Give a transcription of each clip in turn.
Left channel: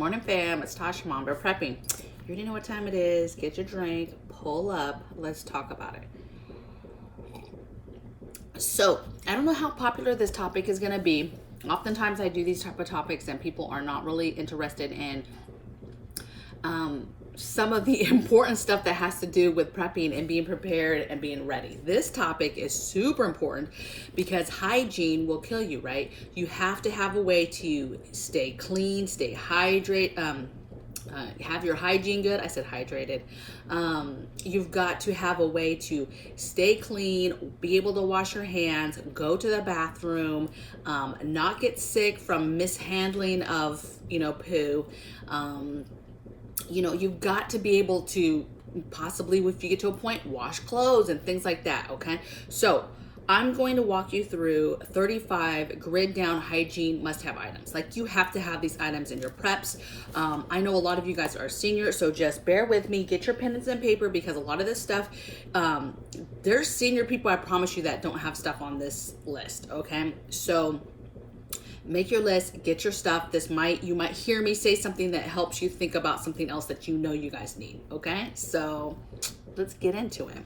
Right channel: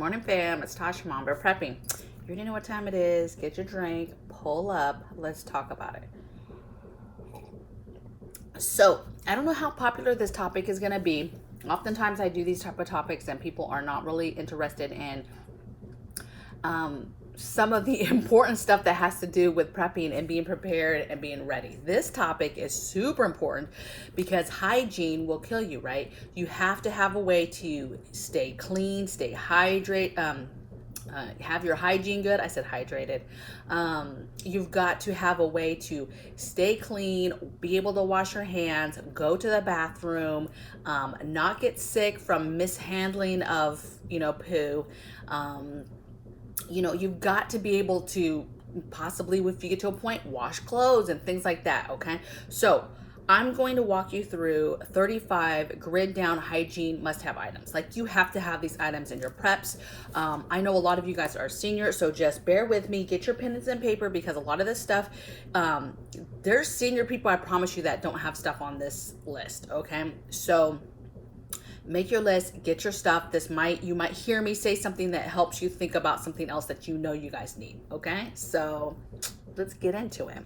morning, fam. It's Tasha, MAMABEAR Prepping. You already know what time it is. Get your drink, pull up, let's talk about it. So, I don't know how popular this topic is going to be. Oftentimes I do these type of topics and people are not really interested in some of the important stuff that has to do with prepping and being prepared and being ready. This topic is super important because hygiene will kill you, right? You have to have a way to stay clean, stay hydrated, have your hygiene good. I said hydrated. You've got to have a way to stay clean, be able to wash your hands, go to the bathroom, not get sick from mishandling of, poo. You've got to be able to possibly, if you get to a point, wash clothes and things like that, okay? So I'm going to walk you through 35 grid down hygiene must-have items. Like, you have to have these items in your preps. I know a lot of you guys are senior, so just bear with me. Get your pens and paper because a lot of this stuff, there's senior people, I promise you, that don't have stuff on this list, okay? So make your list, get your stuff. You might hear me say something that helps you think about something else that you know you guys need, okay? So let's get into it.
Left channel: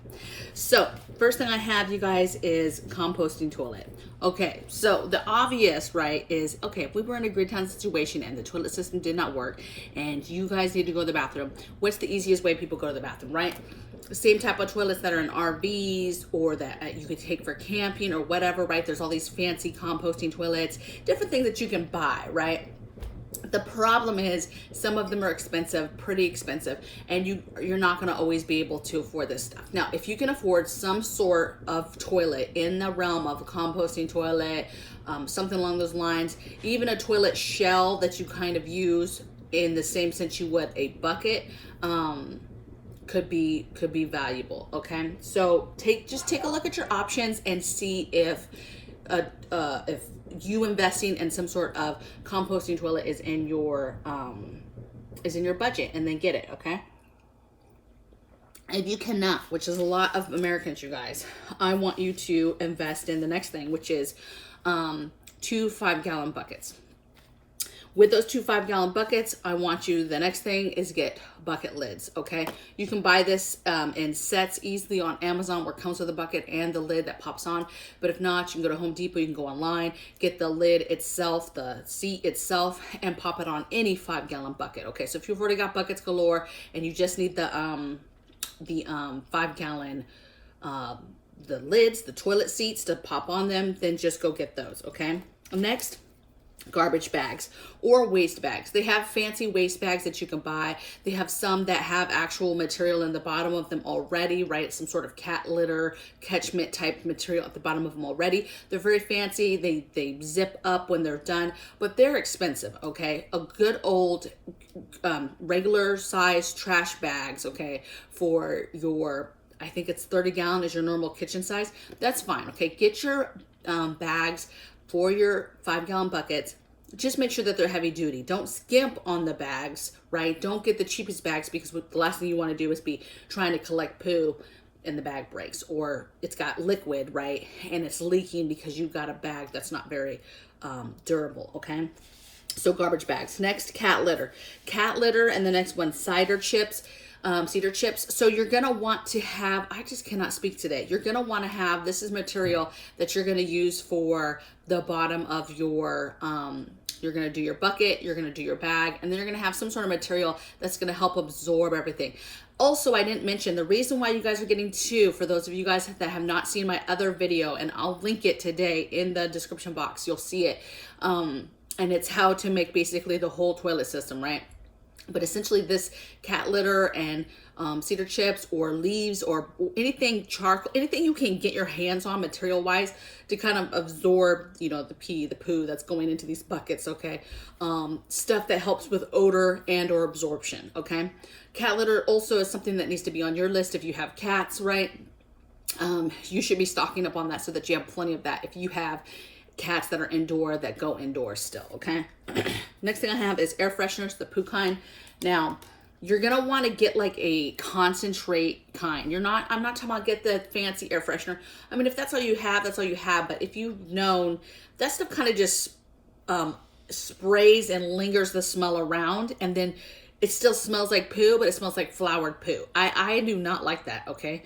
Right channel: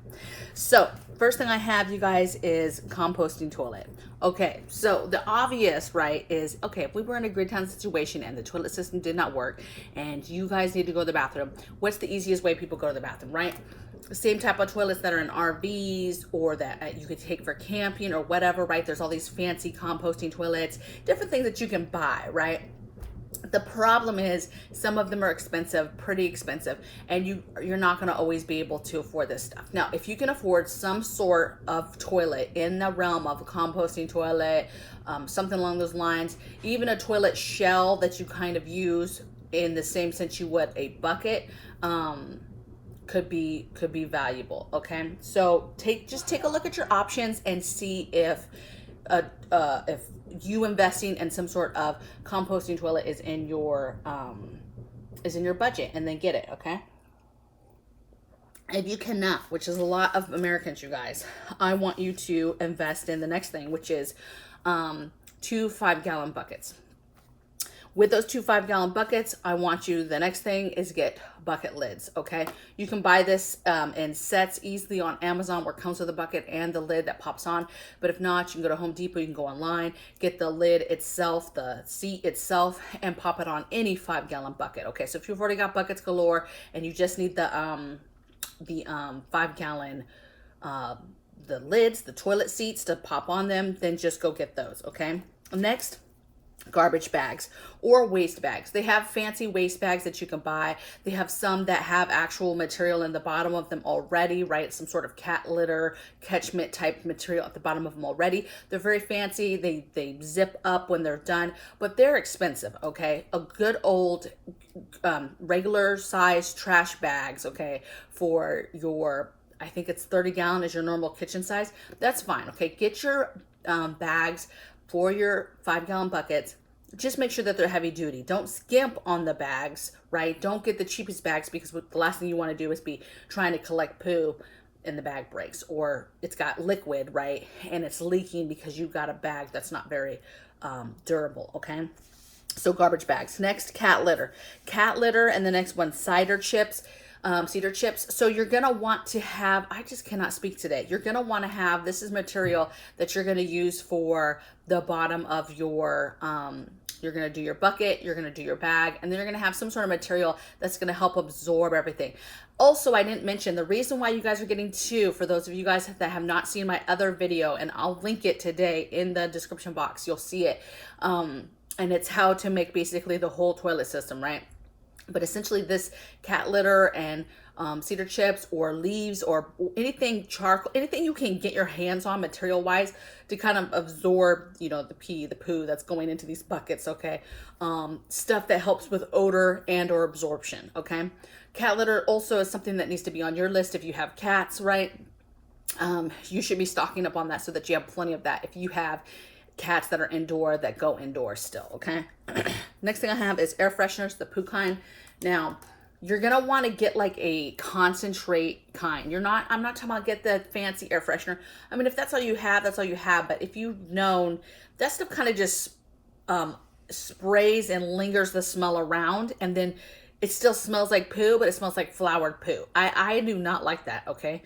So first thing I have, you guys, is composting toilet. Okay, so the obvious, right, is, okay, if we were in a grid town situation and the toilet system did not work and you guys need to go to the bathroom, what's the easiest way people go to the bathroom, right? Same type of toilets that are in RVs or that you could take for camping or whatever, right? There's all these fancy composting toilets, different things that you can buy, right? The problem is some of them are expensive, pretty expensive, and you're not going to always be able to afford this stuff. Now, if you can afford some sort of toilet in the realm of a composting toilet, something along those lines, even a toilet shell that you kind of use in the same sense you would a bucket, could be valuable. Okay, so take a look at your options and see if you investing in some sort of composting toilet is in your budget, and then get it. Okay, if you cannot, which is a lot of Americans, you guys, I want you to invest in the next thing, which is 2 5-gallon buckets. With those 2 5-gallon buckets, the next thing is get bucket lids, okay? You can buy this in sets easily on Amazon, where it comes with a bucket and the lid that pops on. But if not, you can go to Home Depot, you can go online, get the lid itself, the seat itself, and pop it on any 5-gallon bucket, okay? So if you've already got buckets galore and you just need the 5-gallon the lids, the toilet seats to pop on them, then just go get those, okay? Next, garbage bags or waste bags. They have fancy waste bags that you can buy. They have some that have actual material in the bottom of them already, right? Some sort of cat litter, catchment type material at the bottom of them already. They're very fancy. They zip up when they're done, but they're expensive, okay? A good old regular size trash bags, okay, for your, I think it's 30-gallon is your normal kitchen size. That's fine, okay? Get your bags for your 5-gallon buckets. Just make sure that they're heavy duty. Don't skimp on the bags, right? Don't get the cheapest bags, because the last thing you want to do is be trying to collect poo and the bag breaks, or it's got liquid, right? And it's leaking because you've got a bag that's not very durable, okay? So garbage bags. Next, cat litter. Cat litter, and the next one, cedar chips. So you're going to want to have, I just cannot speak today. You're going to want to have, this is material that you're going to use for the bottom of your, you're going to do your bucket, you're going to do your bag, and then you're going to have some sort of material that's going to help absorb everything. Also, I didn't mention the reason why you guys are getting 2, for those of you guys that have not seen my other video, and I'll link it today in the description box. You'll see it. And it's how to make basically the whole toilet system, right? But essentially this cat litter and cedar chips or leaves or anything charcoal, anything you can get your hands on material wise to kind of absorb, the poo that's going into these buckets, okay? Stuff that helps with odor and or absorption, okay? Cat litter also is something that needs to be on your list if you have cats, right? You should be stocking up on that so that you have plenty of that if you have cats that are indoor, that go indoors still, okay? Next thing I have is air fresheners, the poo kind. Now, you're gonna want to get like a concentrate kind. I'm not talking about get the fancy air freshener. I mean, if that's all you have, that's all you have. But if you've known, that stuff kind of just sprays and lingers the smell around, and then it still smells like poo, but it smells like flowered poo. I do not like that, okay?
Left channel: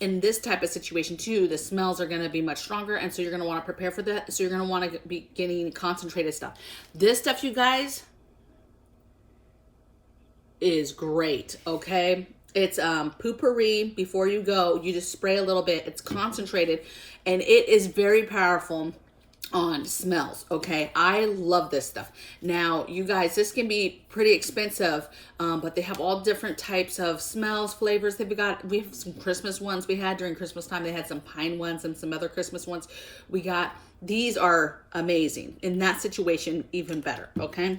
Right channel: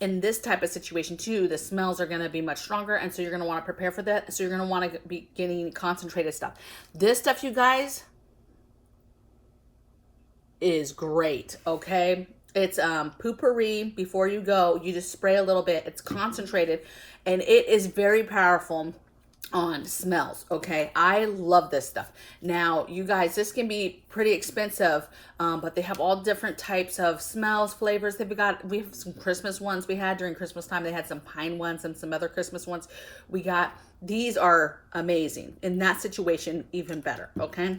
In this type of situation too, the smells are gonna be much stronger, and so you're gonna wanna prepare for that. So you're gonna wanna be getting concentrated stuff. This stuff, you guys, is great, okay? It's poopery. Before you go, you just spray a little bit. It's concentrated, and it is very powerful on smells, okay? I love this stuff. Now, you guys, this can be pretty expensive, but they have all different types of smells, flavors. We have some Christmas ones we had during Christmas time. They had some pine ones and some other Christmas ones we got. These are amazing. In that situation, even better, okay?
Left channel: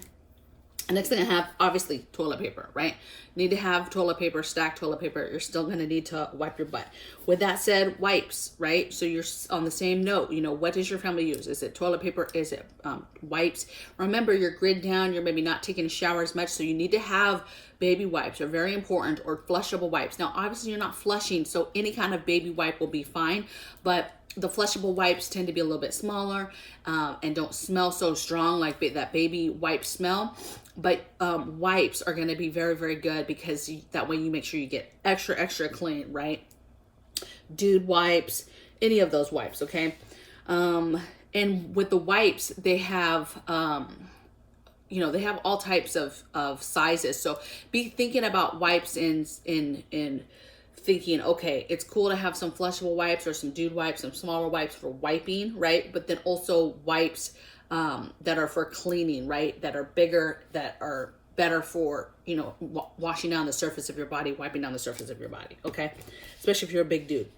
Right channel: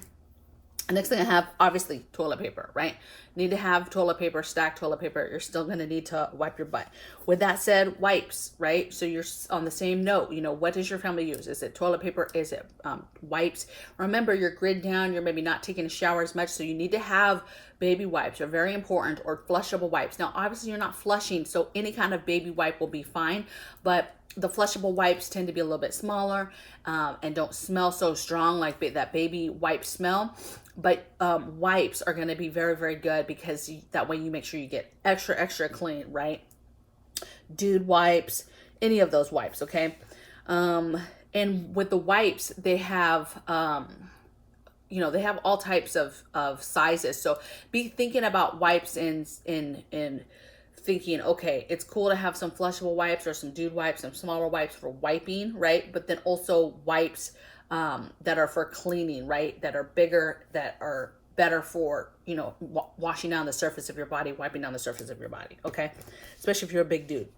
The next thing I have, obviously, toilet paper, right? You need to have toilet paper, stacked toilet paper. You're still going to need to wipe your butt. With that said, wipes, right? So you're on the same note. You know, what does your family use? Is it toilet paper? Is it wipes? Remember, you're grid down. You're maybe not taking a shower as much, so you need to have baby wipes. Are very important, or flushable wipes. Now, obviously, you're not flushing, so any kind of baby wipe will be fine, but the flushable wipes tend to be a little bit smaller and don't smell so strong like that baby wipe smell. But wipes are going to be very, very good, because that way you make sure you get extra, extra clean, right? Dude wipes, any of those wipes, okay? And with the wipes, they have, you know, they have all types of sizes. So be thinking about wipes in thinking, okay, it's cool to have some flushable wipes or some dude wipes, some smaller wipes for wiping, right? But then also wipes that are for cleaning, right? That are bigger, that are better for, you know, washing down the surface of your body, wiping down the surface of your body, okay? Especially if you're a big dude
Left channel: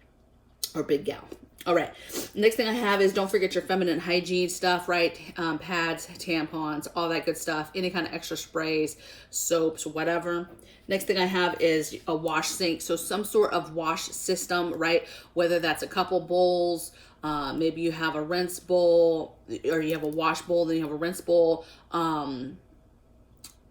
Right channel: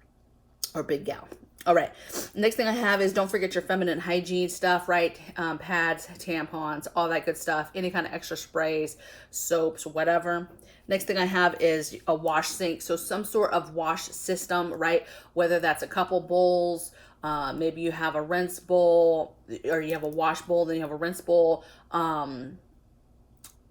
or big gal. All right, next thing I have is, don't forget your feminine hygiene stuff, right? Pads, tampons, all that good stuff, any kind of extra sprays, soaps, whatever. Next thing I have is a wash sink. So some sort of wash system, right? Whether that's a couple bowls, maybe you have a rinse bowl, or you have a wash bowl, then you have a rinse bowl,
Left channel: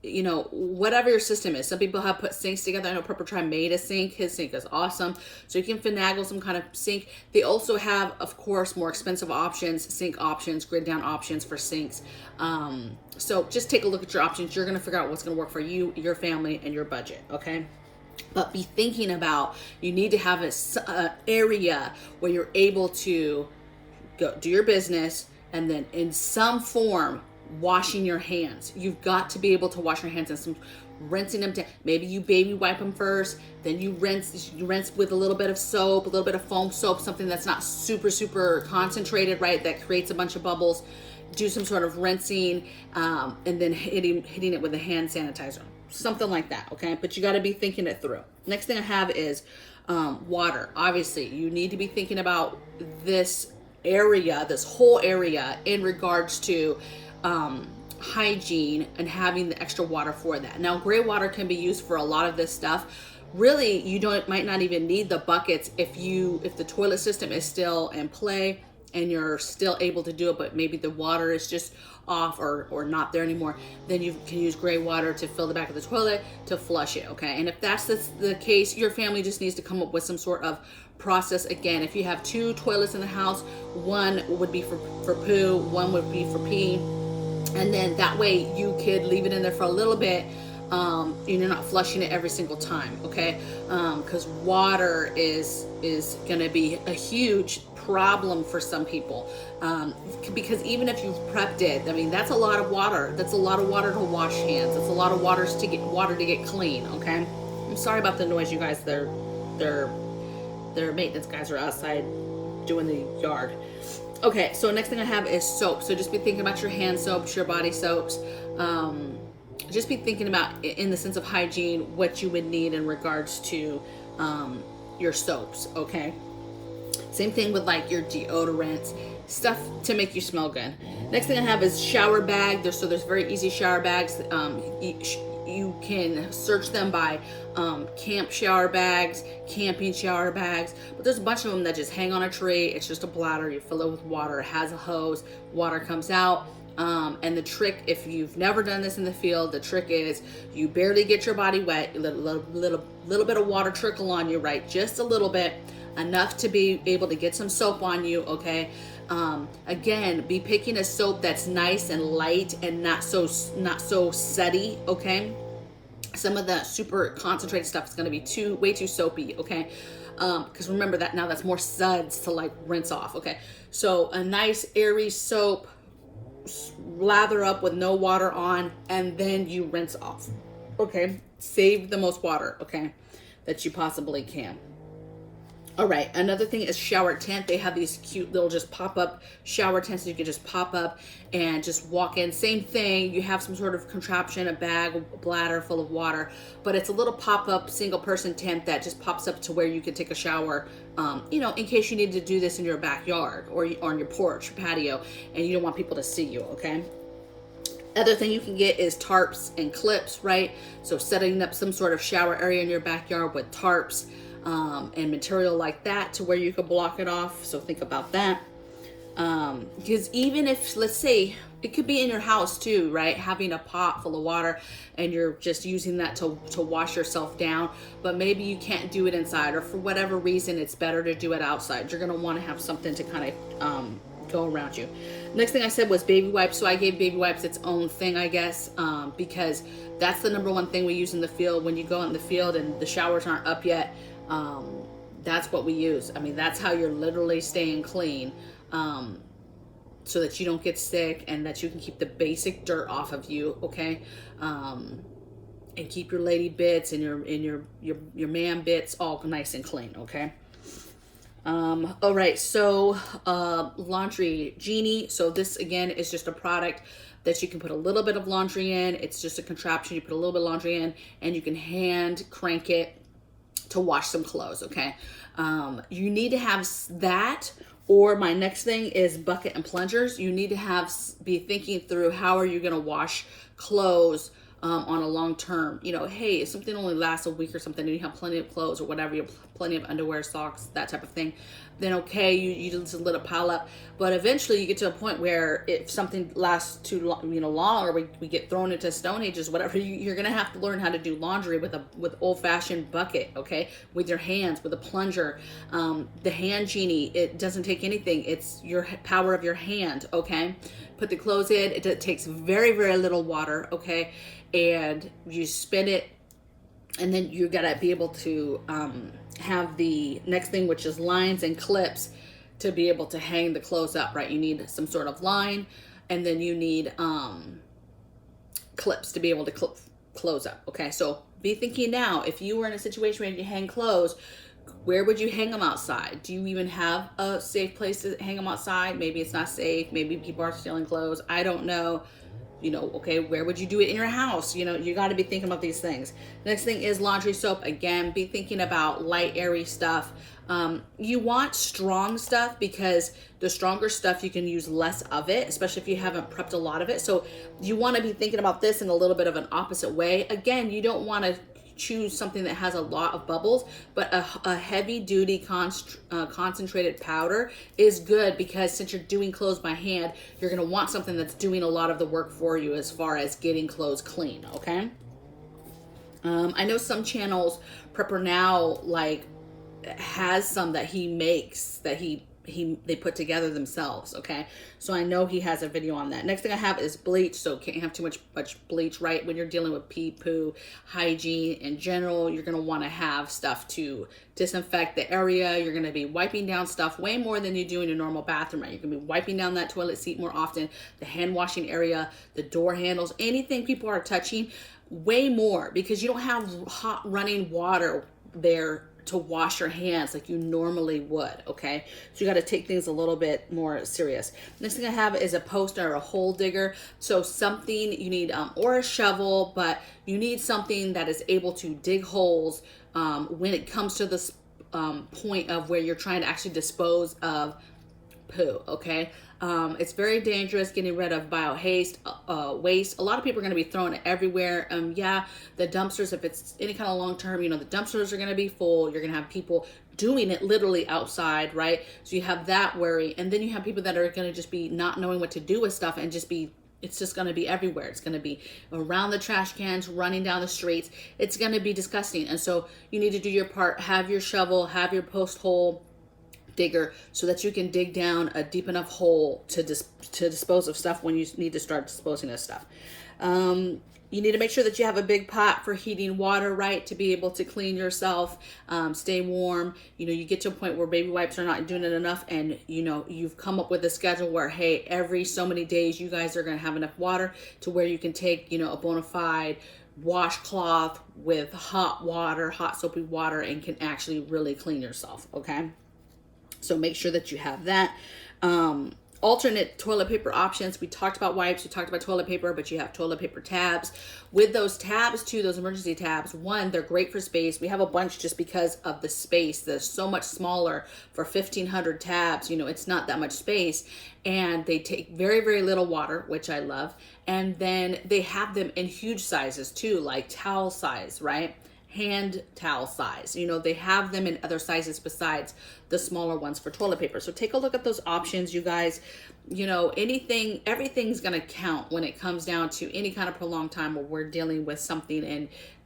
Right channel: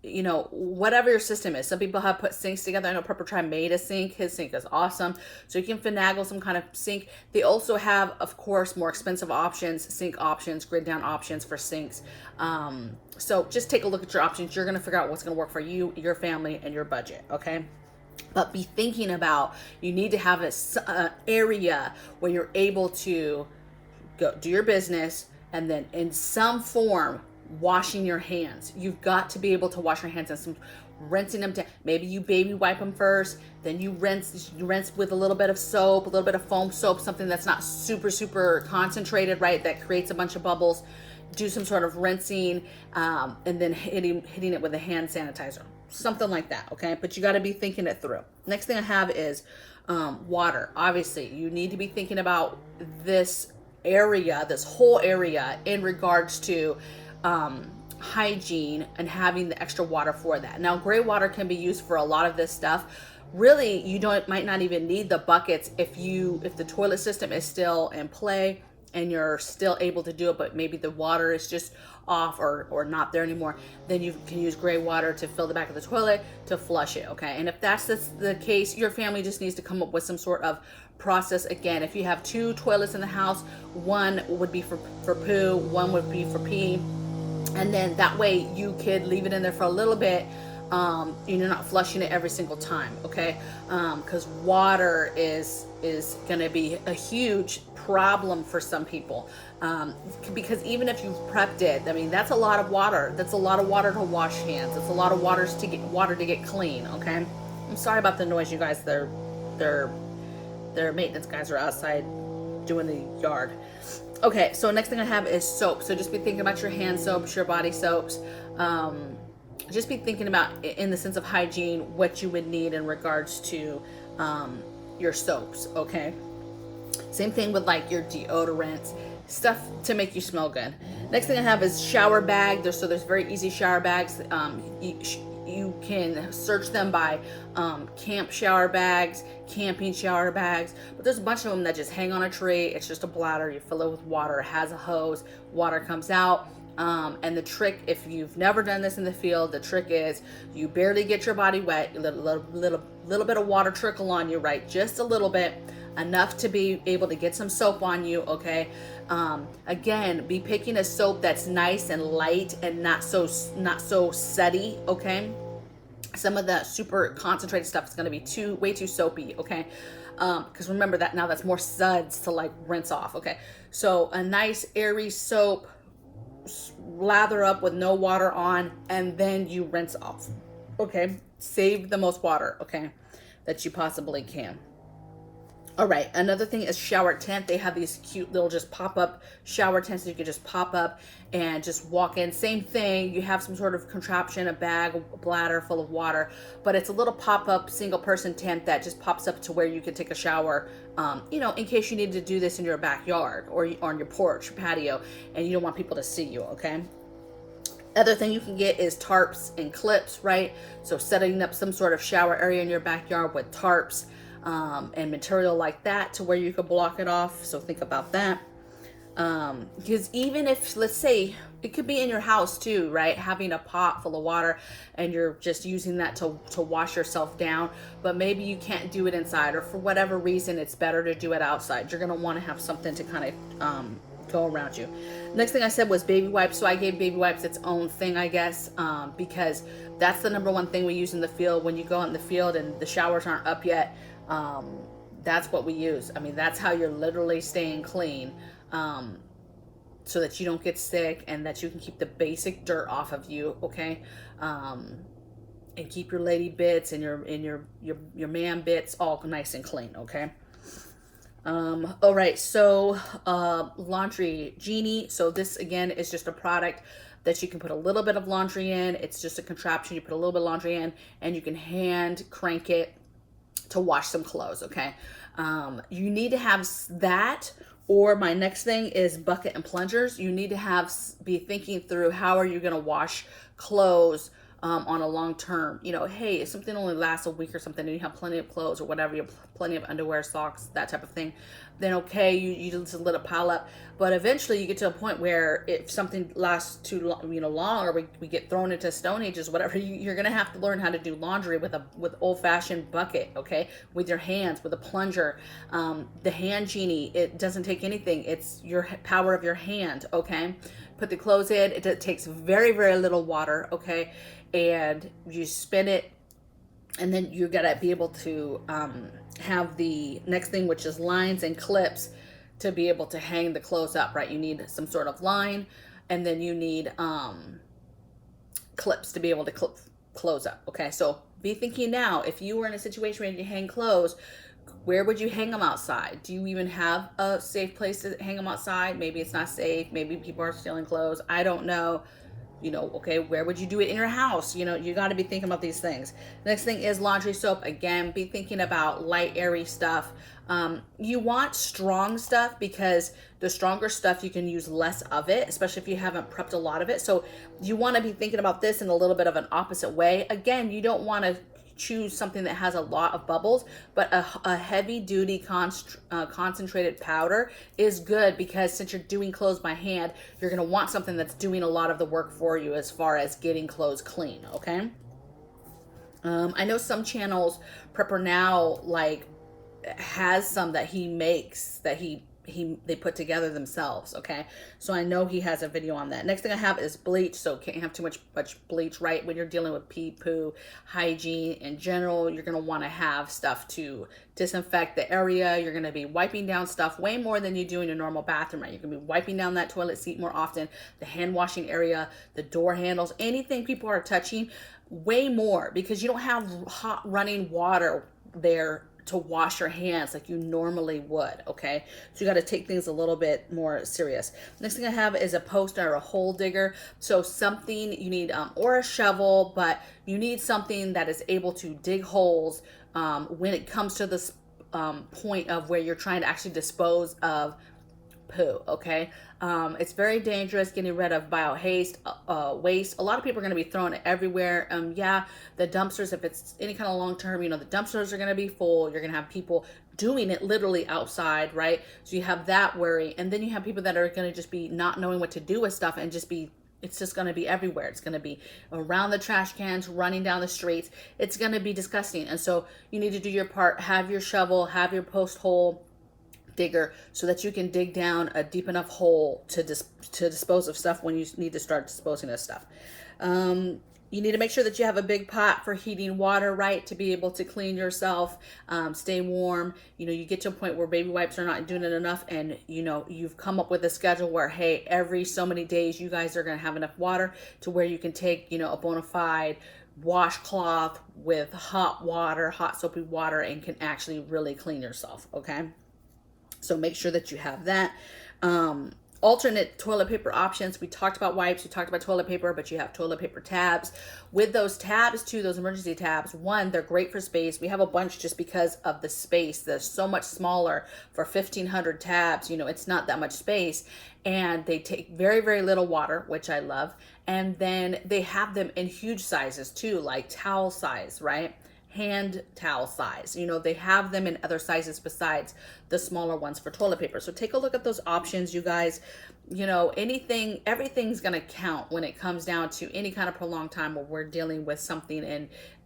you know, whatever your system is. Some people have put sinks together. I know Prepper made a sink. His sink is awesome. So you can finagle some kind of sink. They also have, of course, more expensive options, sink options, grid down options for sinks. So just take a look at your options. You're going to figure out what's going to work for you, your family, and your budget, okay? But be thinking about, you need to have an area where you're able to go do your business, and then in some form, washing your hands. You've got to be able to wash your hands, and some rinsing them down. Maybe you baby wipe them first, then you rinse with a little bit of soap, a little bit of foam soap, something that's not super, super concentrated, right? That creates a bunch of bubbles. Do some sort of rinsing, and then hitting it with a hand sanitizer. Something like that, okay? But you got to be thinking it through. Next thing I have is water. Obviously, you need to be thinking about this area, this whole area, in regards to hygiene and having the extra water for that. Now, gray water can be used for a lot of this stuff. Really, you might not even need the buckets if the toilet system is still in play and you're still able to do it, but maybe the water is just off or not there anymore. Then you can use gray water to fill the back of the toilet to flush it, okay? And if that's the case, your family just needs to come up with some sort of process. Again, if you have 2 toilets in the house, one would be for poo, one would be for pee. And then that way you could leave it in there for a little bit, and you're not flushing it every single time, okay? Because water is going to be a huge problem for some people, because even if you've prepped it, I mean, that's a lot of water. That's a lot of water to wash hands. That's a lot of water to get clean, okay? I'm sorry about the noise, you guys. Their maintenance guys are outside doing the yard. Okay, so next thing I have is soap. So just be thinking about your hand soaps, your body soaps. Just be thinking about, in the sense of hygiene, what you would need in regards to your soaps, okay? Same thing with like your deodorants, stuff to make you smell good. Next thing I have is shower bag. There's very easy shower bags. You can search them by camp shower bags, camping shower bags, but there's a bunch of them that just hang on a tree. It's just a bladder. You fill it with water. It has a hose. Water comes out. And the trick, if you've never done this in the field, the trick is you barely get your body wet. You let a little bit of water trickle on you, right? Just a little bit. enough to be able to get some soap on you, okay? Again, be picking a soap that's nice and light and not so sudsy, okay? Some of the super concentrated stuff is going to be way too soapy, okay? Because remember that now that's more suds to like rinse off, okay? So a nice airy soap, lather up with no water on, and then you rinse off, okay? Save the most water, okay, that you possibly can. All right, another thing is shower tent. They have these cute little just pop-up shower tents that you can just pop up and just walk in. Same thing, you have some sort of contraption, a bag, a bladder full of water, but it's a little pop-up single person tent that just pops up to where you can take a shower, you know, in case you need to do this in your backyard or on your porch, your patio, and you don't want people to see you, okay? Other thing you can get is tarps and clips, right? So setting up some sort of shower area in your backyard with tarps, and material like that to where you could block it off. So think about that. Because even if, let's say, it could be in your house too, right? Having a pot full of water and you're just using that to wash yourself down, but maybe you can't do it inside, or for whatever reason, it's better to do it outside. You're gonna wanna have something to kind of go around you. Next thing I said was baby wipes. So I gave baby wipes its own thing, I guess, because that's the #1 thing we use in the field. When you go out in the field and the showers aren't up yet, that's what we use. I mean, that's how you're literally staying clean, so that you don't get sick and that you can keep the basic dirt off of you, okay? And keep your lady bits and your man bits all nice and clean, okay? All right, so laundry genie. So this again is just a product that you can put a little bit of laundry in. It's just a contraption. You put a little bit of laundry in and you can hand crank it to wash some clothes, okay? You need to have that, or my next thing is bucket and plungers. You need to be thinking through how are you going to wash clothes on a long term. You know, hey, if something only lasts a week or something and you have plenty of clothes or whatever, you have plenty of underwear, socks, that type of thing, then okay, you just let it pile up. But eventually you get to a point where if something lasts too long, you know, long, or we get thrown into stone ages, whatever, you're gonna have to learn how to do laundry with old-fashioned bucket, okay, with your hands, with a plunger. The hand genie, it doesn't take anything. It's your power of your hand, okay? Put the clothes in. It takes very, very little water, okay? And you spin it, and then you gotta be able to have the next thing, which is lines and clips to be able to hang the clothes up, right? You need some sort of line, and then you need clips to be able to clip clothes up, okay? So be thinking now, if you were in a situation where you hang clothes, where would you hang them outside? Do you even have a safe place to hang them outside? Maybe it's not safe. Maybe people are stealing clothes. I don't know. You know, okay, where would you do it in your house? You know, you got to be thinking about these things. Next thing is laundry soap. Again, be thinking about light, airy stuff. You want strong stuff because the stronger stuff, you can use less of it, especially if you haven't prepped a lot of it. So you want to be thinking about this in a little bit of an opposite way. Again, you don't want to choose something that has a lot of bubbles, but a heavy duty concentrated powder is good, because since you're doing clothes by hand, you're going to want something that's doing a lot of the work for you as far as getting clothes clean, okay? I know some channels, Prepper Now, like, has some that he makes that they put together themselves, okay? So I know he has a video on that. Next thing I have is bleach. So can't have too much bleach, right? When you're dealing with pee, poo, hygiene in general, you're gonna wanna have stuff to disinfect the area. You're gonna be wiping down stuff way more than you do in your normal bathroom, right? You're gonna be wiping down that toilet seat more often, the hand washing area, the door handles, anything people are touching, way more, because you don't have hot running water there to wash your hands like you normally would, okay? So you got to take things a little bit more serious. Next thing I have is a post or a hole digger. So something you need, or a shovel, but you need something that is able to dig holes when it comes to this point of where you're trying to actually dispose of poo, okay? It's very dangerous getting rid of waste. A lot of people are going to be throwing it everywhere. Yeah, the dumpsters, if it's any kind of long term, you know, the dumpsters are going to be full. You're going to have people doing it literally outside, right? So you have that worry. And then you have people that are going to just be not knowing what to do with stuff and just be It's just going to be everywhere. It's going to be around the trash cans, running down the streets. It's going to be disgusting. And so you need to do your part. Have your shovel, have your post hole digger, so that you can dig down a deep enough hole to dispose of stuff when you need to start disposing of stuff. You need to make sure that you have a big pot for heating water, right, to be able to clean yourself, stay warm. You know, you get to a point where baby wipes are not doing it enough, and, you know, you've come up with a schedule where, hey, every so many days you guys are going to have enough water to where you can take, you know, a bona fide washcloth with hot water, hot soapy water, and can actually really clean yourself, okay? So make sure that you have that. Alternate toilet paper options. We talked about wipes, we talked about toilet paper, but you have toilet paper tabs. With those tabs too, those emergency tabs, one, they're great for space. We have a bunch just because of the space. They're so much smaller for 1,500 tabs. You know, it's not that much space, and they take very, very little water, which I love. And then they have them in huge sizes too, like towel size, right? Hand towel size. You know, they have them in other sizes besides the smaller ones for toilet paper. So take a look at those options, you guys. You know, everything's going to count when it comes down to any kind of prolonged time where we're dealing with something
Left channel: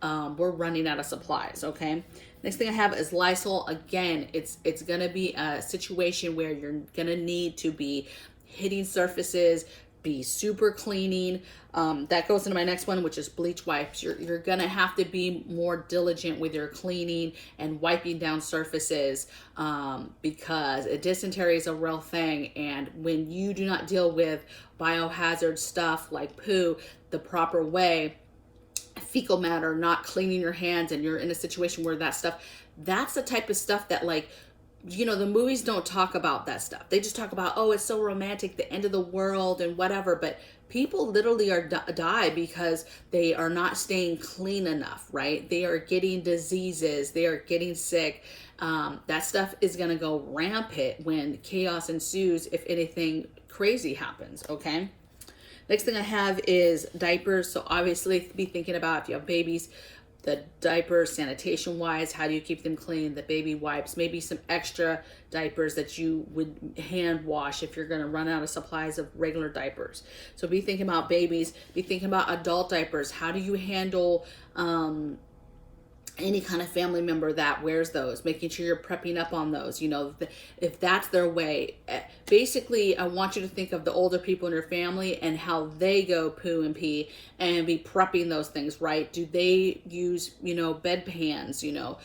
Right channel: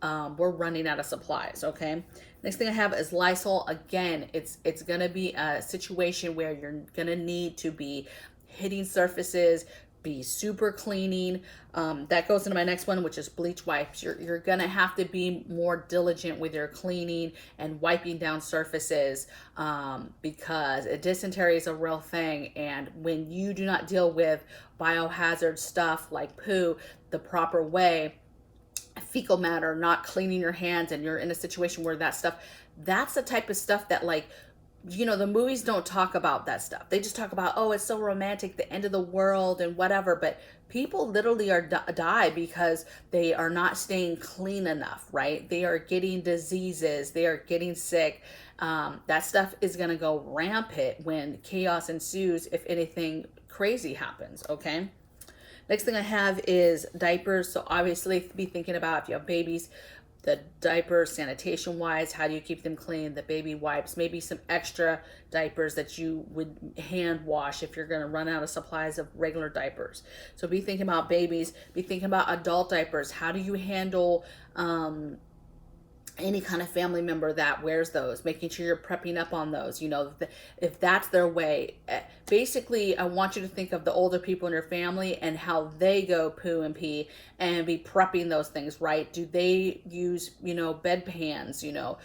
and we're running out of supplies, okay? Next thing I have is Lysol. Again, it's going to be a situation where you're going to need to be hitting surfaces, be super cleaning. That goes into my next one, which is bleach wipes. You're gonna have to be more diligent with your cleaning and wiping down surfaces, because dysentery is a real thing, and when you do not deal with biohazard stuff like poo the proper way, fecal matter, not cleaning your hands, and you're in a situation where that's the type of stuff that, like, you know, the movies don't talk about that stuff. They just talk about, oh, it's so romantic, the end of the world and whatever. But people literally die because they are not staying clean enough, right? They are getting diseases. They are getting sick. That stuff is going to go rampant when chaos ensues if anything crazy happens, okay? Next thing I have is diapers. So obviously be thinking about if you have babies, the diapers, sanitation wise, how do you keep them clean? The baby wipes, maybe some extra diapers that you would hand wash if you're going to run out of supplies of regular diapers. So be thinking about babies, be thinking about adult diapers. How do you handle any kind of family member that wears those, making sure you're prepping up on those, you know, if that's their way. Basically, I want you to think of the older people in your family and how they go poo and pee, and be prepping those things, right? Do they use, you know, bedpans, you know,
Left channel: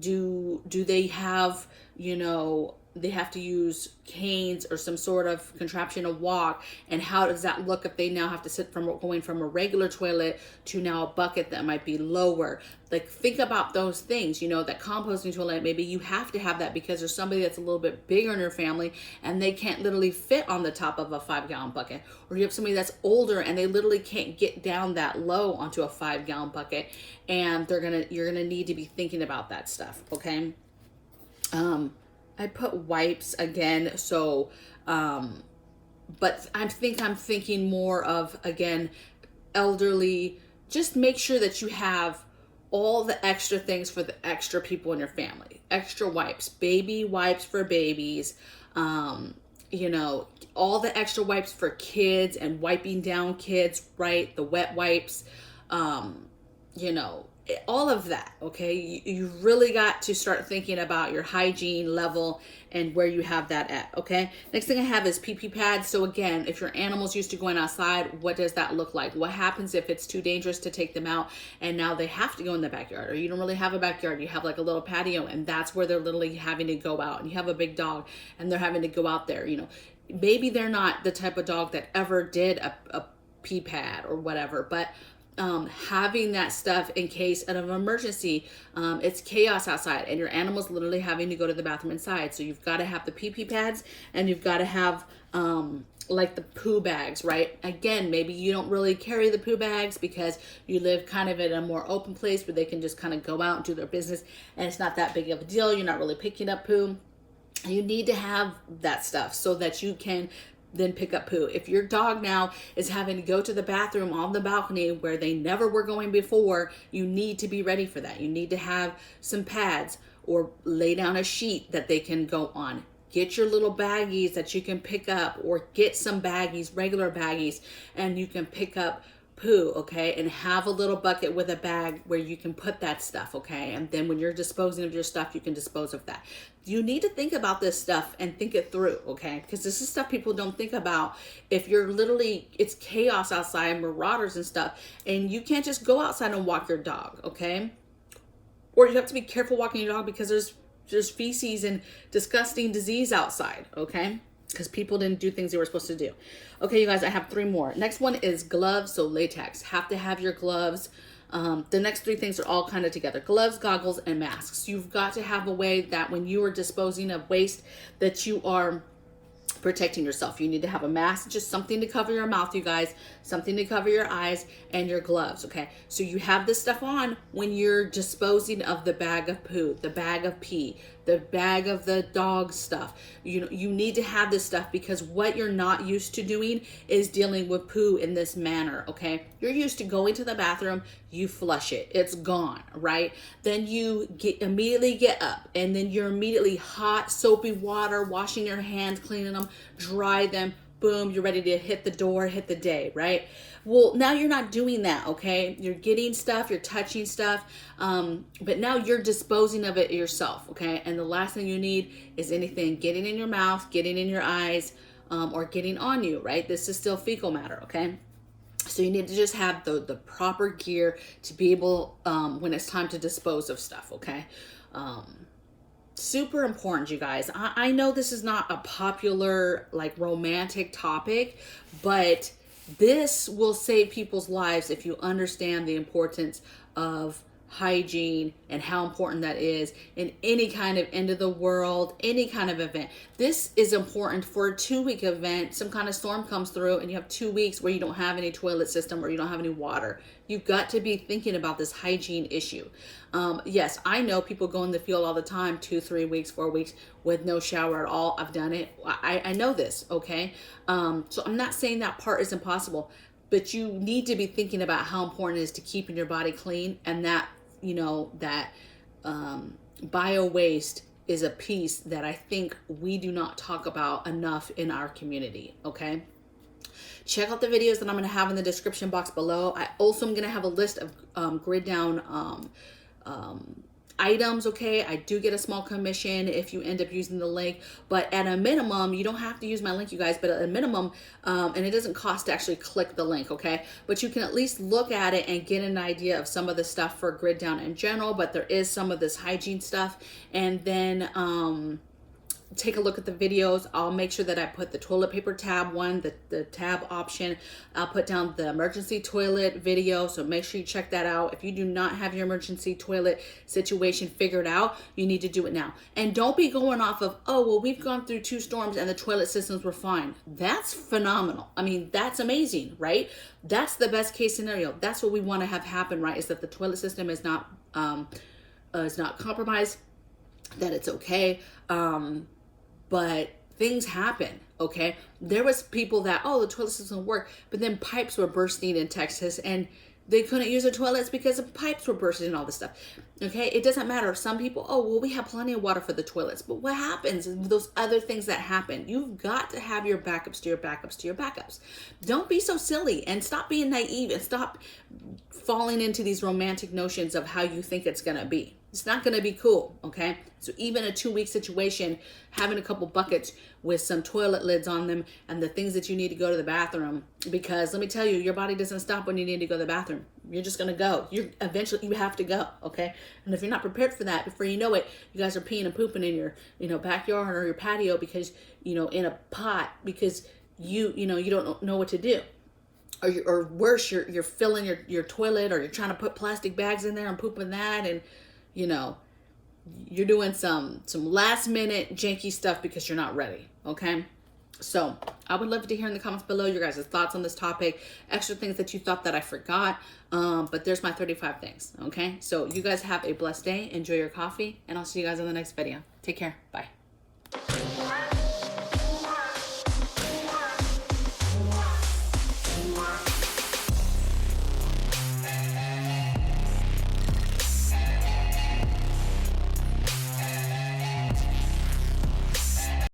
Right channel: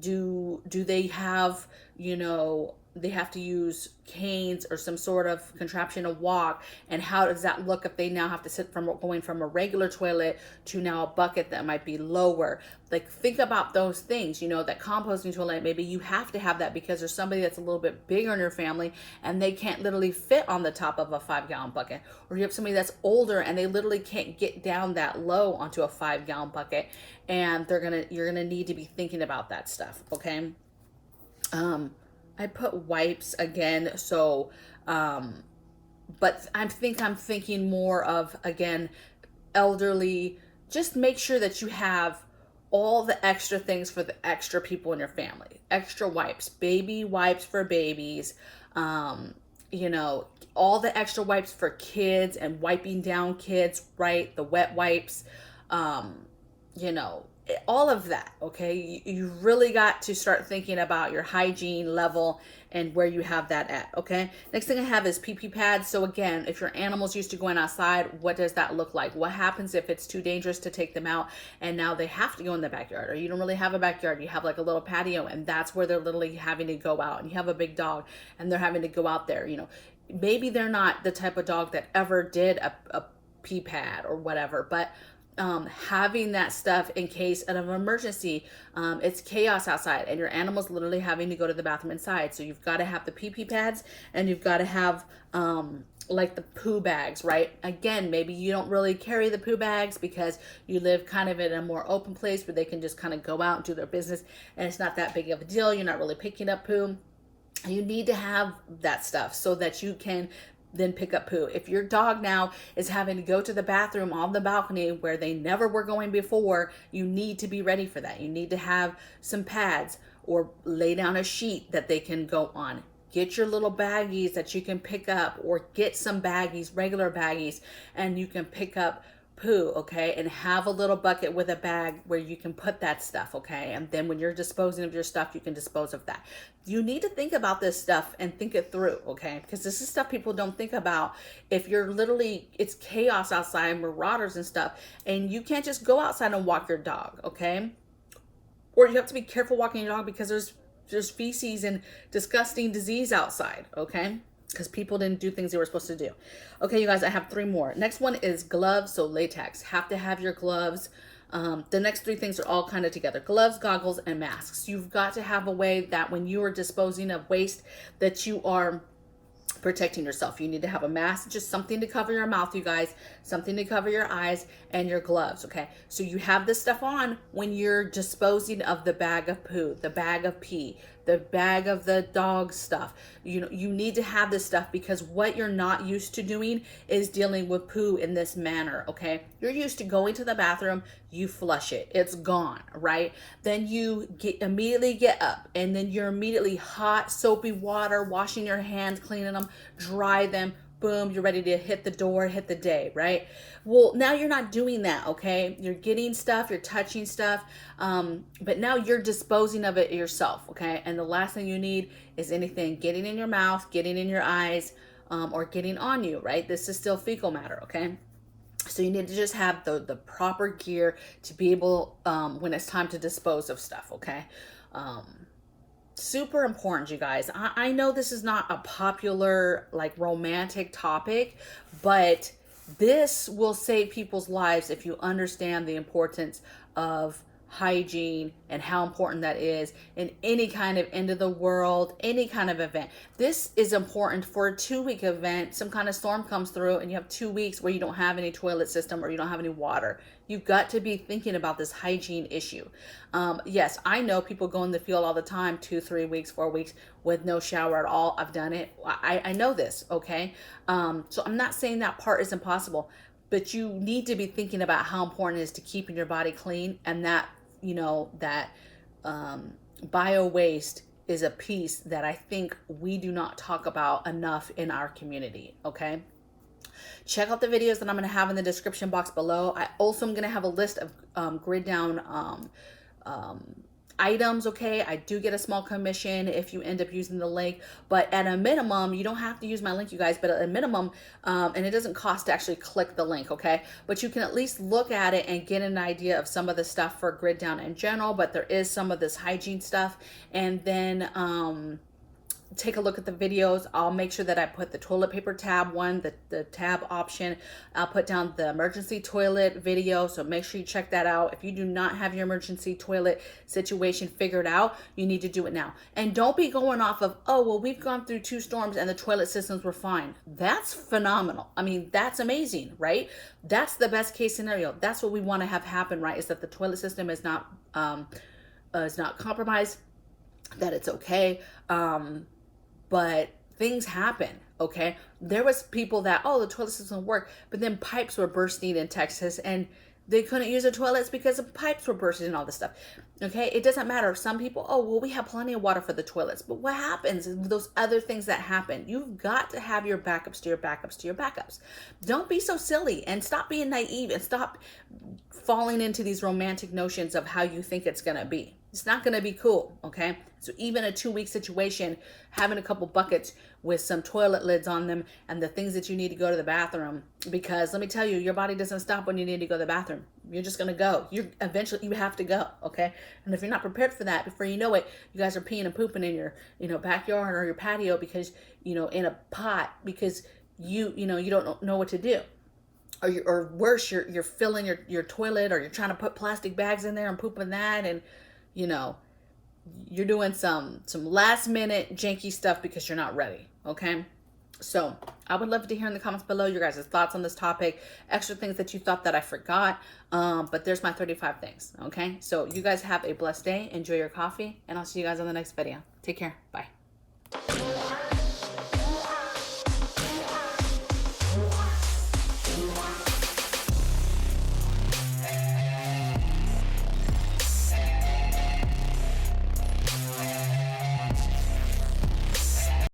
do they have, you know, they have to use canes or some sort of contraption to walk, and how does that look if they now have to sit from going from a regular toilet to now a bucket that might be lower? Like, think about those things, you know, that composting toilet, maybe you have to have that because there's somebody that's a little bit bigger in your family and they can't literally fit on the top of a 5-gallon bucket, or you have somebody that's older and they literally can't get down that low onto a 5-gallon bucket, and you're gonna need to be thinking about that stuff, okay? I put wipes again, so, but I'm thinking more of, again, elderly. Just make sure that you have all the extra things for the extra people in your family. Extra wipes, baby wipes for babies, you know, all the extra wipes for kids and wiping down kids, right? The wet wipes, you know, all of that, okay? You really got to start thinking about your hygiene level and where you have that at, okay? Next thing I have is pee-pee pads. So again, if your animal's used to going outside, what does that look like? What happens if it's too dangerous to take them out and now they have to go in the backyard, or you don't really have a backyard, you have like a little patio, and that's where they're literally having to go out, and you have a big dog and they're having to go out there, you know? Maybe they're not the type of dog that ever did a pee pad or whatever, but having that stuff in case of an emergency, it's chaos outside and your animal's literally having to go to the bathroom inside. So you've got to have the pee-pee pads, and you've got to have like the poo bags, right? Again, maybe you don't really carry the poo bags because you live kind of in a more open place where they can just kind of go out and do their business, and it's not that big of a deal. You're not really picking up poo. You need to have that stuff so that you can then pick up poo. If your dog now is having to go to the bathroom on the balcony where they never were going before, you need to be ready for that. You need to have some pads or lay down a sheet that they can go on. Get your little baggies that you can pick up, or get some baggies, regular baggies, and you can pick up poo, okay? And have a little bucket with a bag where you can put that stuff, okay? And then when you're disposing of your stuff, you can dispose of that. You need to think about this stuff and think it through, okay? Because this is stuff people don't think about. If you're literally, it's chaos outside, marauders and stuff, and you can't just go outside and walk your dog, okay? Or you have to be careful walking your dog because there's feces and disgusting disease outside, okay? Because people didn't do things they were supposed to do. Okay, you guys, I have 3 more. Next one is gloves, so latex. Have to have your gloves. The next 3 things are all kind of together. Gloves, goggles, and masks. You've got to have a way that when you are disposing of waste that you are protecting yourself. You need to have a mask, just something to cover your mouth, you guys, something to cover your eyes, and your gloves, okay? So you have this stuff on when you're disposing of the bag of poo, the bag of pee, the bag of the dog stuff. You need to have this stuff because what you're not used to doing is dealing with poo in this manner, okay? You're used to going to the bathroom, you flush it, it's gone, right? Then you immediately get up, and then you're immediately hot, soapy water, washing your hands, cleaning them, dry them, boom, you're ready to hit the door, hit the day, right? Well, now you're not doing that, okay? You're getting stuff, you're touching stuff, but now you're disposing of it yourself, okay? And the last thing you need is anything getting in your mouth, getting in your eyes, or getting on you, right? This is still fecal matter, okay? So you need to just have the proper gear to be able, when it's time to dispose of stuff, okay? Super important, you guys. I know this is not a popular, like, romantic topic, but this will save people's lives if you understand the importance of hygiene and how important that is in any kind of end of the world, any kind of event. This is important for a 2-week event. Some kind of storm comes through and you have 2 weeks where you don't have any toilet system or you don't have any water. You've got to be thinking about this hygiene issue. Yes, I know people go in the field all the time, 2, 3 weeks, 4 weeks with no shower at all. I've done it. I know this, okay? So I'm not saying that part is impossible, but you need to be thinking about how important it is to keeping your body clean, and that, you know, that bio waste is a piece that I think we do not talk about enough in our community, okay? Check out the videos that I'm going to have in the description box below. I also am going to have a list of grid down items, okay? I do get a small commission if you end up using the link, but at a minimum, you don't have to use my link, you guys, but at a minimum, and it doesn't cost to actually click the link, okay? But you can at least look at it and get an idea of some of the stuff for grid down in general, but there is some of this hygiene stuff. And then take a look at the videos. I'll make sure that I put the toilet paper tab one, the tab option. I'll put down the emergency toilet video, so make sure you check that out. If you do not have your emergency toilet situation figured out, you need to do it now. And don't be going off of, oh, well, we've gone through 2 storms and the toilet systems were fine. That's phenomenal. I mean, that's amazing, right? That's the best case scenario. That's what we want to have happen, right? Is that the toilet system is not compromised, that it's okay. But things happen, okay? There was people that, oh, the toilet system worked, but then pipes were bursting in Texas and they couldn't use the toilets because the pipes were bursting and all this stuff, okay? It doesn't matter. Some people, oh, well, we have plenty of water for the toilets, but what happens is those other things that happen? You've got to have your backups to your backups to your backups. Don't be so silly and stop being naive and stop falling into these romantic notions of how you think it's gonna be. It's not going to be cool, okay? So even a 2-week situation, having a couple buckets with some toilet lids on them and the things that you need to go to the bathroom, because let me tell you, your body doesn't stop when you need to go to the bathroom. You're just going to go. Eventually you have to go, okay? And if you're not prepared for that, before you know it, you guys are peeing and pooping in your, backyard or your patio because, in a pot because you don't know what to do. Or worse, you're filling your toilet, or you're trying to put plastic bags in there and pooping that, and you're doing some last minute janky stuff because you're not ready, okay? So I would love to hear in the comments below your guys' thoughts on this topic, extra things that you thought that I forgot, but there's my 35 things, okay? So you guys have a blessed day, enjoy your coffee, and I'll see you guys on the next video. Take care, bye.